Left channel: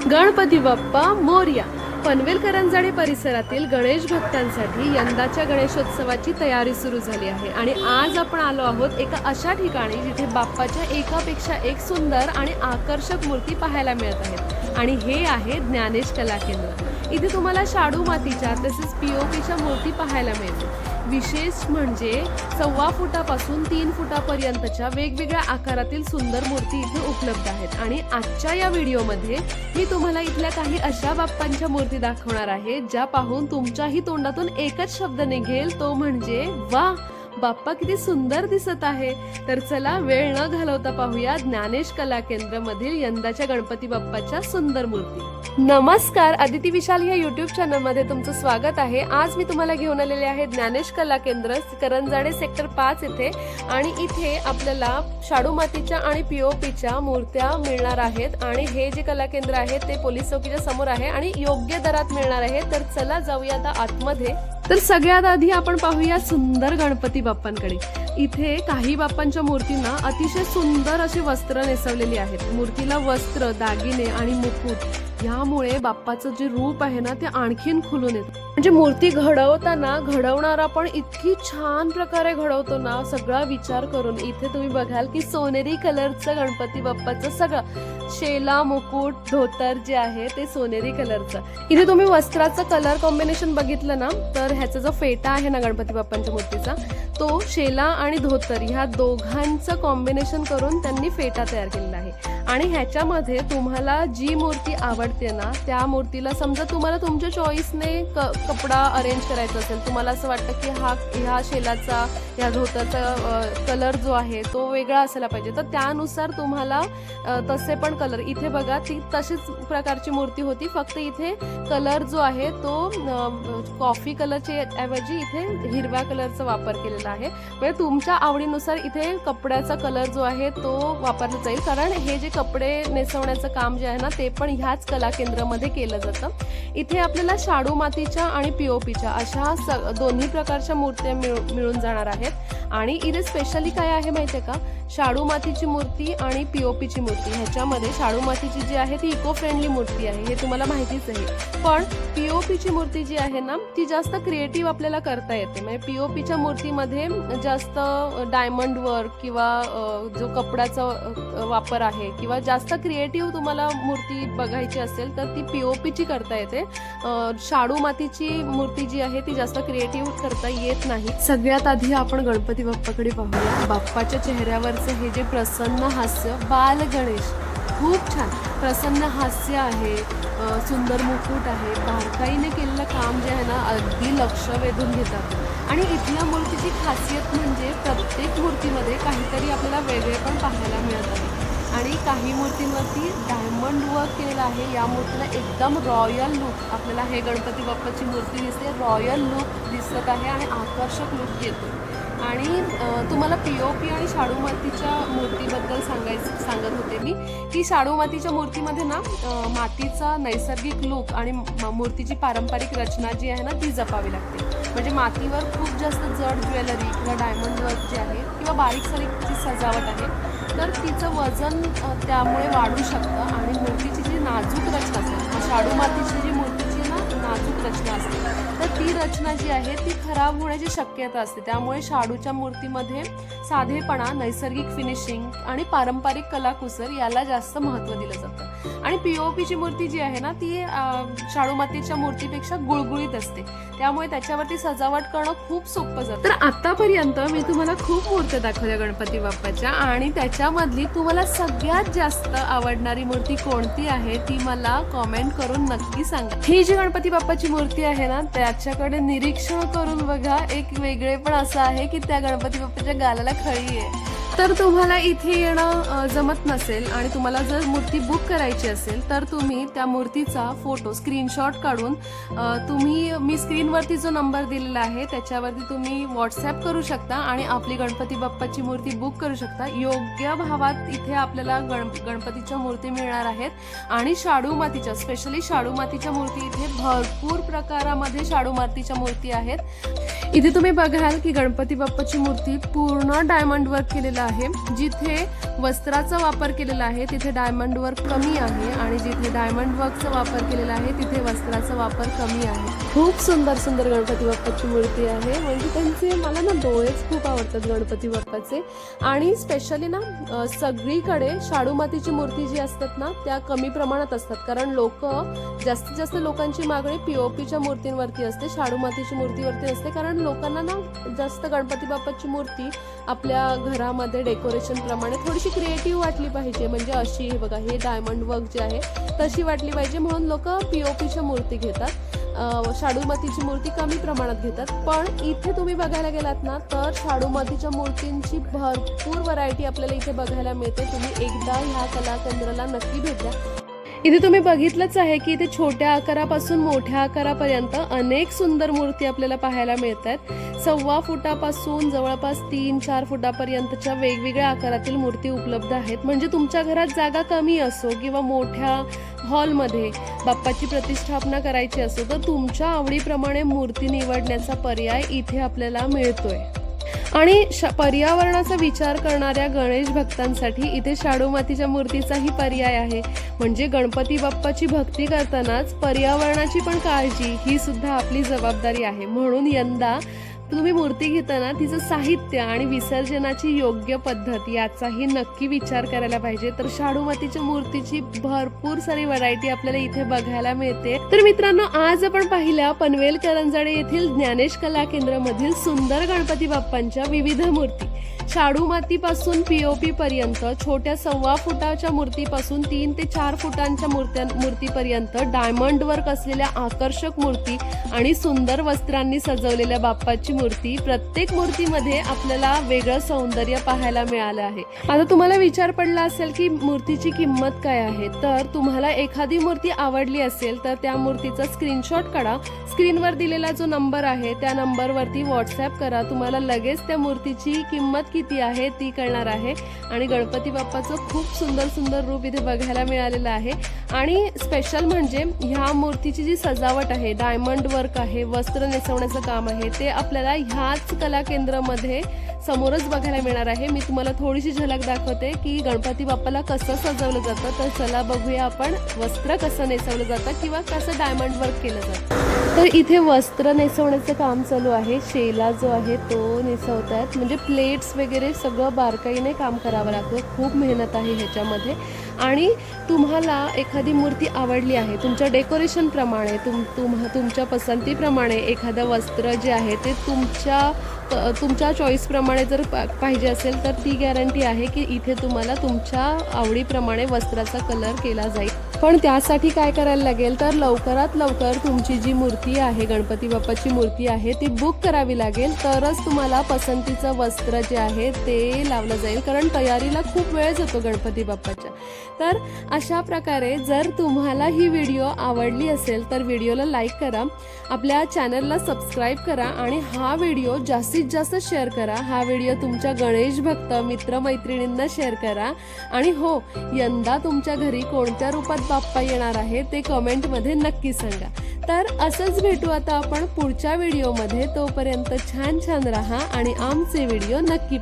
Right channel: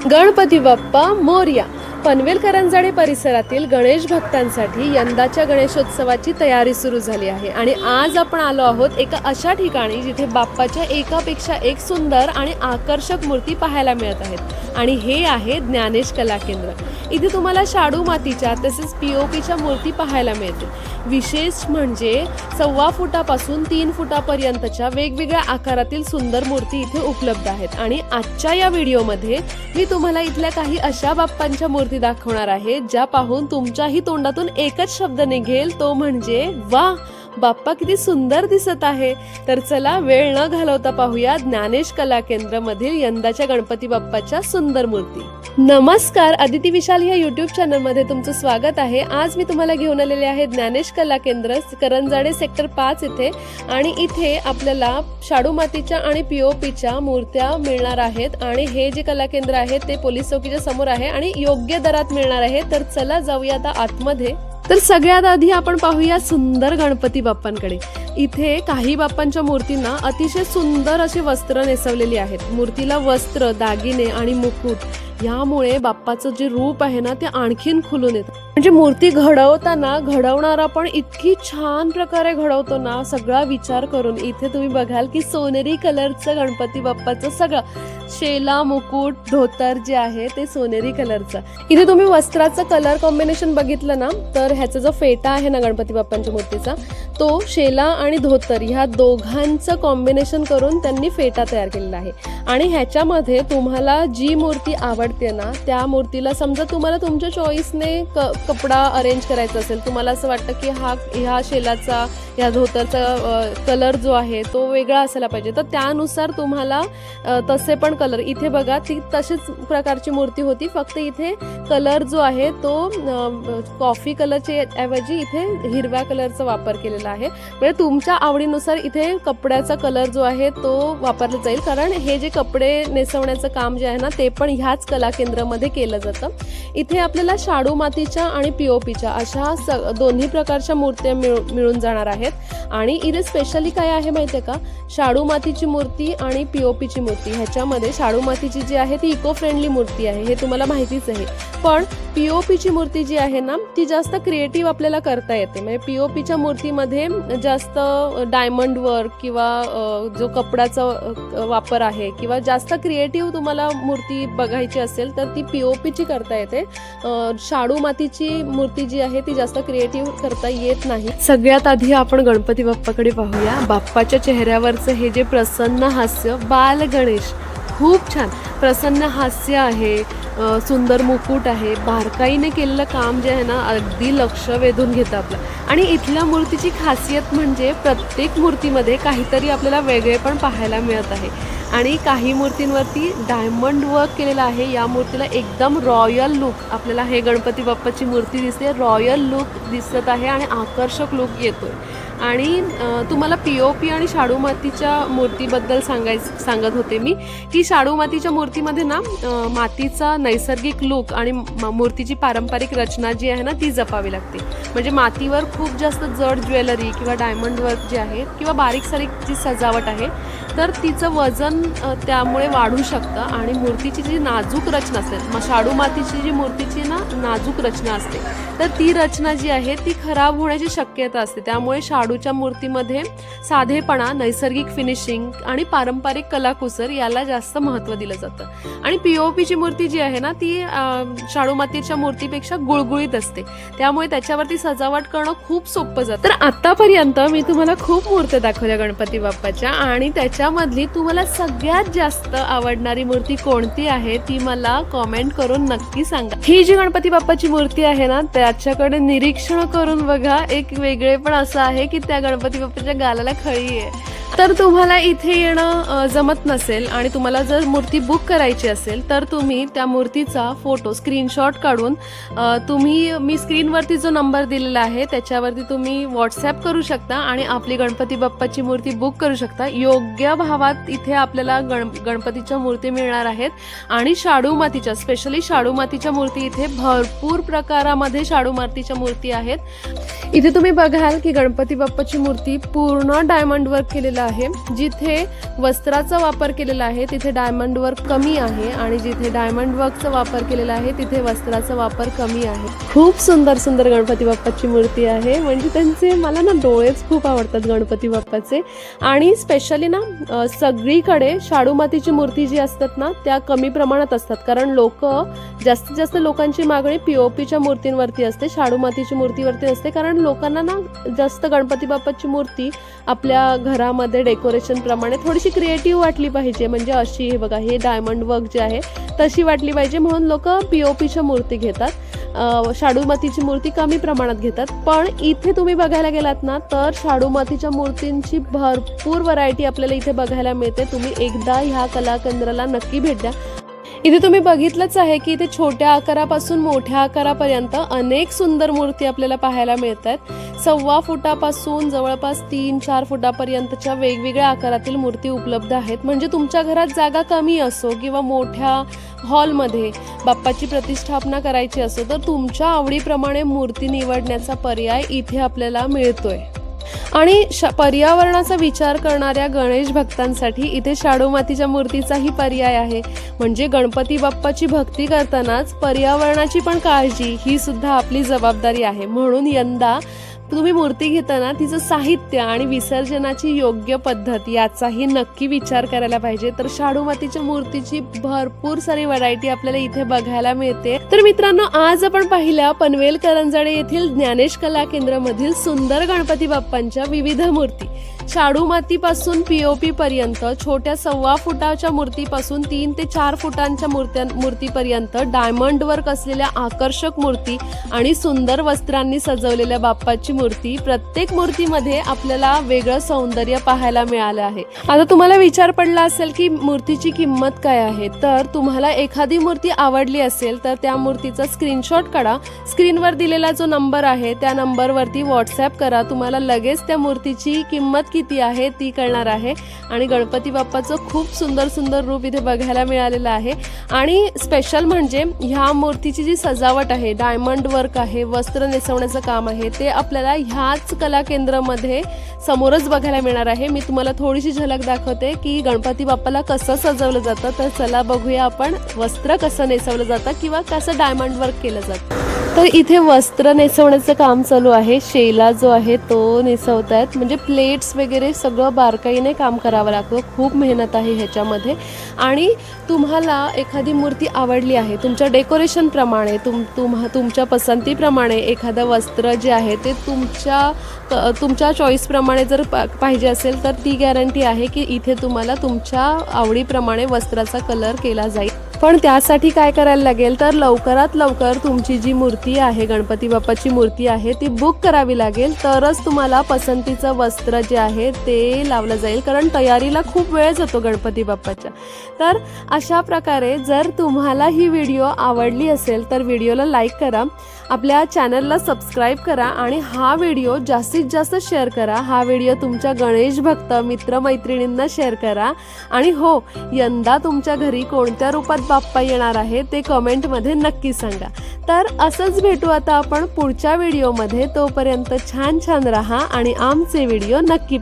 गणपती बाप्पा मोरया. पनवेल करंजाडे परिसरातील गणेश भक्तांसाठी यंदाच्या गणेशोत्सवाची तयारी सुरू झाली आहे आणि आज आपण आलो आहोत एका अशा ठिकाणी जिथे बाप्पाच्या एकापेक्षा एक सुंदर आणि आकर्षक मूर्ती पाहायला मिळत आहेत आणि हे आहे ज्ञानेश कला केंद्र. इथे तुम्हाला शाडू मातीच्या तसेच पीओपीच्या मूर्ती पाहायला मिळतील. विशेष म्हणजे 1.25 फुटापासून 3 फुटापर्यंतच्या वेगवेगळ्या आकारातील सुंदर मूर्ती इथे उपलब्ध आहेत. आणि आजच्या या व्हिडिओमध्ये मी तुम्हाला इथल्या काही अशा बाप्पांच्या मूर्ती दाखवणार आहे ज्या पाहून तुमच्याही तोंडातून एकच शब्द निघेल, तो म्हणजे वा, बाप्पा किती सुंदर दिसत आहे. तर चला वेळ न घालवता पाहूया ज्ञानेश कला केंद्र मधील यंदाच्या गणपती बाप्पाच्या सुंदर मूर्ती. नमस्कार, अदिती विशाल या युट्यूब चॅनल मध्ये तुमचं स्वागत आहे. आज मी तुम्हाला घेऊन आलेले आहे ज्ञानेश कला केंद्र, करंजाडे सेक्टर 5 इथे. आणि इथे आपल्याला शाडू मातीच्या आणि पीओपीच्या मूर्त्या मिळणार आहेत आणि हे जे कला केंद्र आहे ते पोलीस चौकीच्या समोर आहे आणि योग्य दरात मिळणार आहे. तर चला जाऊया आता आतमध्ये. तर सगळ्यात आधी आपण पाहूया सुंदर गणपती बाप्पांकडे. इथे काही बाप्पांच्या मूर्तींना अतिशय सुंदर अशी वस्त्र नेसवलेली आहेत. मूर्तीला वस्त्र, दागिने आणि मुकुट यामुळे बाप्पाचं जे रूप आहे ना ते आणखीन खुलून येतं. म्हणजे मूर्ती घडवताना घडवणारा पण इतकी छान प्रकारे घडवतो ना, सगळा विचार करून. इथे तुम्ही बघाल की सोनेरी कलरचं गणपती बाप्पाचं सगळं शेला, मुकुट, धोतर जे आहे ते सोनेरी कलरचं. इथे तुम्ही वस्त्राचं कलर कॉम्बिनेशन बघितलं ना, तर ह्याचा जो फेटा आहे ना गणपती बाप्पांच्या मूर्तीचा, तो शेला आणि धोतर ह्या दोघांचं कॉम्बिनेशन करून त्यांनी फेटा तयार केलेला आहे. आणि ह्याच्यामध्ये तुम्हाला जी मूर्ती आवडते ना त्या मूर्तीला, समजा तुम्हाला तुमच्या चॉईसने कपडा अरेंज करायचा असेल, तुम्हाला असं वाटतं की ह्या शेलाचा, ह्या धोतरचा कलर जो आहे तो वेगळा असायला पाहिजे, तर त्यानुसार तुम्हाला तसे पण कलर. इथे बघा ती तशीच प्रकारची मूर्ती होती, फक्त इथे कलर जो आहे तो कॉफी कलरच्या ऐवजी इथे हिरव्या कलरचा वापर केलेला आहे. म्हणजे तुमच्या आवडीनुसार इथे कपड्याचा कलर जो आहे तो वापरला जाईल, कारण हे जे कपडे नेसवण्याचं काम जे आहे ना ते पण ह्याच कला केंद्रामध्ये केलं जातं. इथे आपल्याला शाडू मातीच्या आणि पीओपीच्या अशा दोन्ही प्रकारच्या मूर्त्या मिळून जाणार आहेत. आणि इथे स्पेशली काय आहे माहितीये का, शाडू मातीची मूर्ती आणि पीओपीची मूर्ती. ह्याच्यामध्ये शाडू मातीची जी आहे ती इको फ्रेंडली मूर्ती आहे, हे तुम्हाला माहितीच आहे. पण पीओपीची मूर्ती जी आहे ना ती जास्त क्रिएटिव्ह आपल्याला करता येते. म्हणजे पीओपीच्या मूर्तीमध्ये जास्त डायमंड वर्क किंवा जो कपड्याचा वापर आहे किंवा जास्त क्रिएटिव्ह तुम्हाला मूर्ती बघायची असेल तर ती पीओपीची करता येते. शाडू मातीची मूर्ती जी आहे ती जास्त क्रिएटिव्ह करता येत नाही. सगळ्यात आधी आपण गणपती बाप्पाकडे पाहूया. बाप्पाच्या चेहऱ्यावरचं हे जे प्रसन्न हास्य, बाल गणेश, खूप छान प्रसन्न हास्य आहे, सुंदर मुकुट आहे, बारकाईने केलेलं काम जे आहे ना अगदी लक्ष वेधून घेतं आपलं. आणि इथल्या मूर्तीची खासियत म्हणजे प्रत्येक मूर्तीमध्ये काहीतरी आपल्याला वेगळे पण पाहायला मिळत आहे. आणि काही मूर्तींवरती डायमंड वर्क केलेलं आहे. या मूर्तीला एकदम रॉयल लुक, आपल्याला हे गणपती बाप्पाची मूर्ती दिसते, रॉयल लुक दिसत आहे आणि आकर्षक लुक येतो. आणि तुम्हाला पीओपी आणि शाडू मातीच्या मूर्तीबद्दल सांगत होते मी की शाडू मातीच्या मूर्तीमध्ये ना मातीचा नैसर्गिक लुक आणि मूर्तीची पारंपरिक रचना जी आहे ना ती जपावी लागते. म्हणजे मातीवर खूप जास्त जड ज्वेलरी किंवा डायमंड वर्क जे आहे किंवा बारीक सारीक जी सजावट आहे तर तिचं वजन त्यामुळे वाढू शकतं. आणि मूर्तीची जी नाजूक रचना असते, शाडू मातीची जी मूर्तीची ना नाजूक रचना असते, तर ती रचना जी आहे ती खराब होण्याची शक्यता असते. त्यामुळे शाडूच्या मूर्तीमध्ये साधेपणा, नैसर्गिक फिनिशिंग आणि पारंपरिक कलाकुसर याला जास्त महत्त्व दिलं जातं. आणि पीओपीची मूर्ती जी आहे ना ती शाडू मातीच्या मूर्तीपेक्षा गुळगुळीत असते, त्यामुळे त्याच्यावरती सजावट करणं खूप सोपं जातं. तर आतापर्यंत मी तुम्हाला खूप मूर्त्या दाखवल्या गणपती बाप्पाच्या, आणि त्याच्यामधली तुम्हाला सगळ्यात जास्त आवडणारी मूर्ती कोणती आहे ती मला कॉमेंट करून नक्की सांगा. ही जी गणपती बाप्पाची मूर्ती आहे ना त्याच्याकडे निरीक्षण करून बघा, एक वेगळे पण असं आहे की त्या गणपती बाप्पाच्या गालाला खळी आहे. तर तुम्हाला इथे येणं जमत नसेल आणि तुम्हाला जर मूर्ती बुक करायची असेल तर तुम्ही त्या मूर्तीचा फोटो स्क्रीनशॉट काढून मी स्क्रीनवरती जो नंबर दिलेला आहे त्याच्यावरती तुम्ही व्हॉट्सॲप करू शकता आणि आपली गणपती बाप्पाची मूर्ती बुक करू शकता. योग्य भावात इथे आपल्याला गणपतीच्या मूर्ती मिळणार आहेत. आणि शाडू मातीच्या, स्पेशली शाडू मातीच्या मूर्ती इथे भरपूर प्रकारामध्ये शाडू मातीच्या मूर्ती आहेत. इथे तुम्ही बघाल की गणपती बाप्पाची मूर्ती पूर्ण डायमंड वर्क केलेलं आहे, जिथे वस्त्राचा वापर केलेला आहे तिथे डायमंड वर्क कमी आहे आणि जिथे डायमंड वर्कचा वापर केलेला आहे तिथे वस्त्राचा वापर कमी आहे. खूप सुंदर सुंदर गणपती बाप्पाची मूर्ती आहे. म्हणजे त्यांचे मला ना डोळेच खूप आवडतात गणपती बाप्पाचे. आणि स्पेशली ना सगळीकडे शाडू मातीची मूर्ती जी असतात ना त्या कमी प्रमाणात असतात, कारण जास्तीत जास्त लोकांची मागणी पीओपीच्या मूर्तींवरती असते, शाडू मातीची मूर्तीवरती असते. कारण लोकांना ना जास्त गणपती बाप्पाची मूर्ती आपल्या घरामध्ये डेकोरेशन प्रमाणे थोडीशी क्रिएटिव्ह वाटली पाहिजे. म्हणजे अशी हे बघा, हे डायमंड वर्क जे आहे तशी वाटली पाहिजे म्हणून लोक पीओपीच्या मूर्ती घेतात, शाडू मातीची मूर्ती कमी प्रमाणात घेतात. पण इथे तुम्ही बघायला गेलात ना तर शाडू मातीच्या मूर्तींची भरपूर व्हरायटी आपल्याला इथे बघायला मिळते. तुम्ही एकदा ह्या कला केंद्राला नक्की भेट द्या. इथे तुम्ही बघितलंच आहे की इथे छोट्या आकारापासून मोठ्या आकारापर्यंत अनेक सुंदर मूर्ती आपल्याला पाहायला मिळतात. 1.25 फुटापासून जवळपास 3-4 फुटापर्यंतच्या वेगवेगळ्या आकारातील मूर्ती उपलब्ध आहेत. म्हणजे तुमच्या घरात जागा कमी असो किंवा मोठ्या हॉलमध्ये बाप्पाची प्रतिष्ठापना करायची असो तर तुमच्या आवडीप्रमाणे मूर्ती निवडण्याचा पर्याय इथे आपल्याला मिळतोय. आणि पर्यावरणाचा विचार करणाऱ्या गणेश भक्तांसाठी इथे शाडू मातीच्या मूर्तीचाही पर्याय आहे. म्हणजे गणपती बाप्पाची भक्ती करतानाच पर्यावरणाची पण काळजी ही सुद्धा आपली जबाबदारी आहे. म्हणून यंदा तुम्ही मूर्ती घेताना तिचं साहित्य आणि विसर्जनाची योग्य पद्धत याचाही नक्की विचार करायला पाहिजे. तर शाडू मातीच्या मूर्तीची भरपूर सारी व्हरायटी आपल्याला इथे बघायला मिळते. तर मित्रांनो, आज आपण पाहिल्या पनवेल करंजाडे येथील ज्ञानेश कला केंद्र मधील सुंदर गणपती बाप्पांच्या विविध मूर्ती. शाडू मातीपासून पीओपी पर्यंत, छोट्या 1.25 फुटाच्या मूर्तीपासून 3 ते 4 फुटांच्या मूर्तीपर्यंत, डायमंड वर्क असलेल्या आकर्षक मूर्ती आणि सुंदर वस्त्रांनी सजवलेल्या बाप्पाची मूर्ती. प्रत्येक मूर्तीमध्ये आपल्याला वेगळं सौंदर्य पाहायला मिळालं आहे. आता तुम्हाला विचार पडला असेल की मूर्तीची किंमत काय आहे. तर तुम्हाला एखादी मूर्ती आवडली असेल तर त्या मूर्तीचा स्क्रीनशॉट काढा, स्क्रीनवर दिलेला जो नंबर आहे त्या नंबरवरती व्हॉट्सअप करा. तुम्हाला लगेच त्या मूर्तीची किंमत किती आहे ती कळणार आहे. आणि गणपती बाप्पाचं खूप सुंदर सुंदर रूप इथे बघायला मिळालेलं आहे. आणि स्पेशल म्हणजे ह्या मूर्तीची जी सजावट आहे, डायमंड वर्क आहे, वस्त्र नेसवण्याचं काम आहे, ते आपल्याला ह्याच कला केंद्रामध्ये समोरच बघायला मिळणार आहे. मी तुम्हाला थोडीशी झलक दाखवते की गणपती बाप्पाला कसं सजवलं जातं. तर चला बघूया आपण वस्त्र कसं नेसवलं जातं किंवा कसं डायमंड वर्क केलं जातं. तर इथे वस्त्र नेसवण्याचं काम चालू आहे. शेला जो आहे तो नेसवतायत. म्हणजे प्लेट्स वगैरे सगळं बारकाईने काम करावं लागतं. खूप मेहनत आहे ह्याच्यामध्ये. आणि तुम्हाला एखादी मूर्ती आवडली आहे, तुमच्या डेकोरेशनप्रमाणे तुमच्या पसंतीप्रमाणे एखादं वस्त्र जे आहे ते तुमच्या चॉईसप्रमाणे जर पाहिजे असेल तर ती गॅरंटी आहे की इथे तुम्हाला तुमच्या आवडीप्रमाणे वस्त्राचा कलर केला जाईल. पण त्यासाठी काय करायला लागेल तर लवकरात लवकर तुमची जी मूर्ती आहे, गणपती बाप्पाची मूर्ती आहे, ती बुक करावी लागेल. तरच तुम्हाला पसंतीचं वस्त्र जे आहे ते लावलं जाईल. कारण तयारीला खूप वेळ जातो गणपती बाप्पाच्या. तर अशा प्रकारे जर तुम्हाला ही व्हिडिओ आवडली असेल तर व्हिडिओला लाईक करा, आपल्या चॅनलला सबस्क्राईब करा आणि हा व्हिडिओ जास्तीत जास्त शेअर करा. हा व्हिडिओ तुमच्या गणेश भक्त मित्रमैत्रिणींना शेअर करा. आणि हो, यंदा तुमच्या घरी कोणत्या रूपात बाप्पा येणार आहे ते कमेंटमध्ये नक्की सांगा. तर असंच भेटू आता आपण पुढच्या व्हिडिओमध्ये. तोपर्यंत छान छान राहा आणि आमचे व्हिडिओ नक्की